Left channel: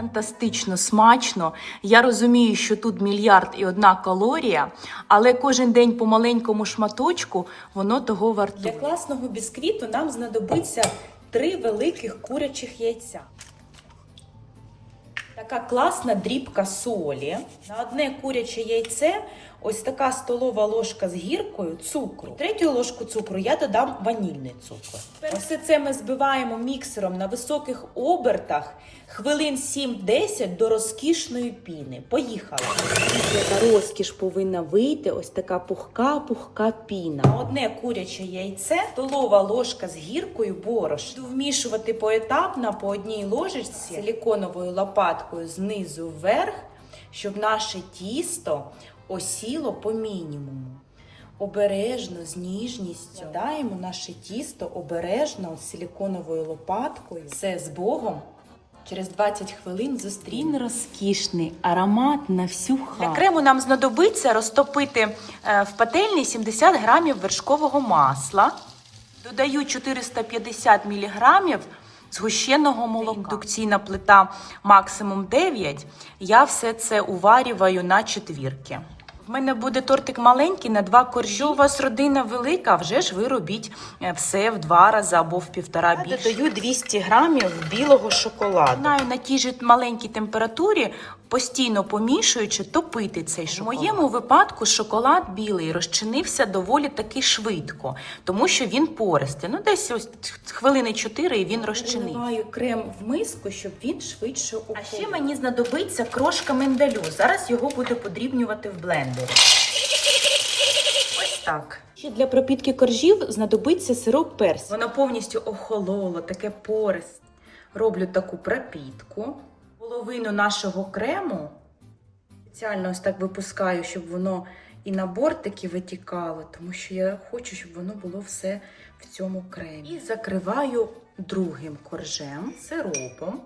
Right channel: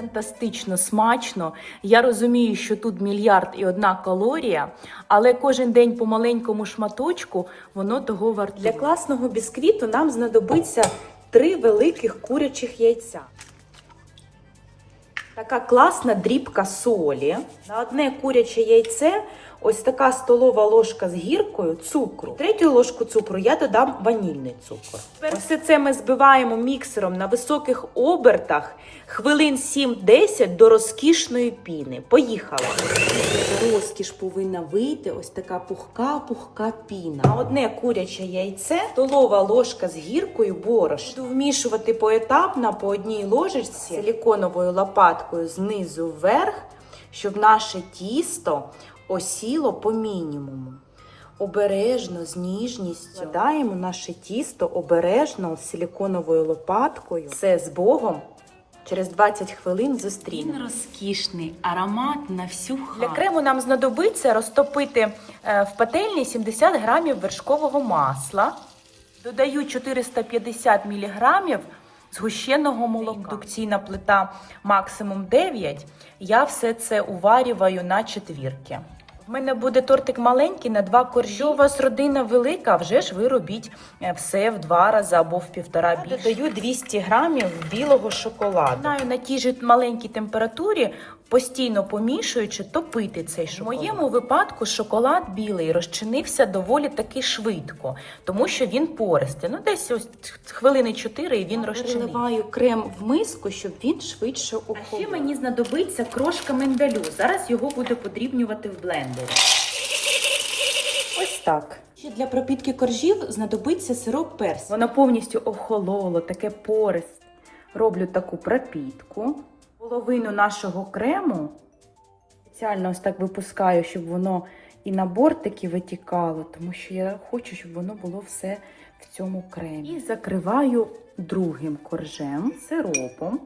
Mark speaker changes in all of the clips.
Speaker 1: Фантастично смачно. Я розумію, що тут мільярд і одна калорія, але кожен день по маленькому шматочку воно того вартує. Для класного бісквіту нам знадобиться три великих курячих яйця. Така класна дрібка солі. На одне куряче яйце ось така столова ложка з гіркою цукру. Третю ложку цукру я додам ванільний цукор. Тепер все це ми збиваємо міксером на високих обертах хвилин 7-10 до розкішної піни. Поїхали. Яка розкіш повинна вийти, ось така пухка-пухка піна. Одне куряче яйце, столова ложка з гіркою борошна. Буду вмішувати поетапно по одній ложечці силіконовою лопаткою знизу вверх, щоб наше тісто осіло по мінімуму. Обережно, з ніжністю даємо наше тісто обережно силіконовою лопаткою. Все з Богом. Через 20 хвилин зустрінемо. Він розкішний, аромат на всю хату. Для крему нам знадобиться розтопити е, в пательні 70 грамів вершкового масла. Додаю 450 міліграмів згущеного молока. Індукційна плита максимум 9. Я все це уварюваю на четвірки. В мене буде тортик маленький на два коржі. У вас родина велика, вже ж ви робіть е, все в два рази або в півтора більше. Я додаю 200 грамів білого шоколаду. Знаю, на тій же маленькій температурі, постійно помішуючи, топити цей шоколад. В моєму випадку шоколад білий розчинився доволі таки швидко, тому що він пористий. Ну, десь ось хвилини 4 і він розчинив. Наливаю крем в миску, щоб він швидше охолов. А ще мені знадобиться крошка миндалю. Зараз його буду подрібнювати в блендері. Ось так. Ще для пропітки коржів знадобиться сироп персик. Воно повністю охололо, таке порист. Роблю таку пропітку. Половину нашого крему спеціально ось так випускаю, щоб воно і на бортики витікало, тому що я хочу, щоб воно було все в цьому кремі. І закриваю другим коржем сиропом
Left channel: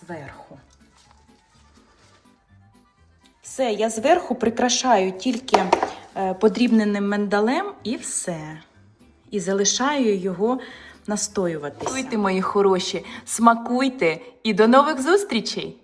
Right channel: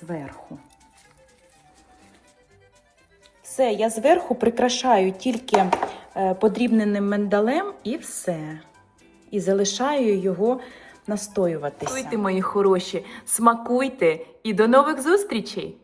Speaker 1: зверху. Все, я зверху прикрашаю тільки е, подрібненим миндалем і все. І залишаю його настоюватися. Смакуйте, мої хороші, смакуйте і до нових зустрічей!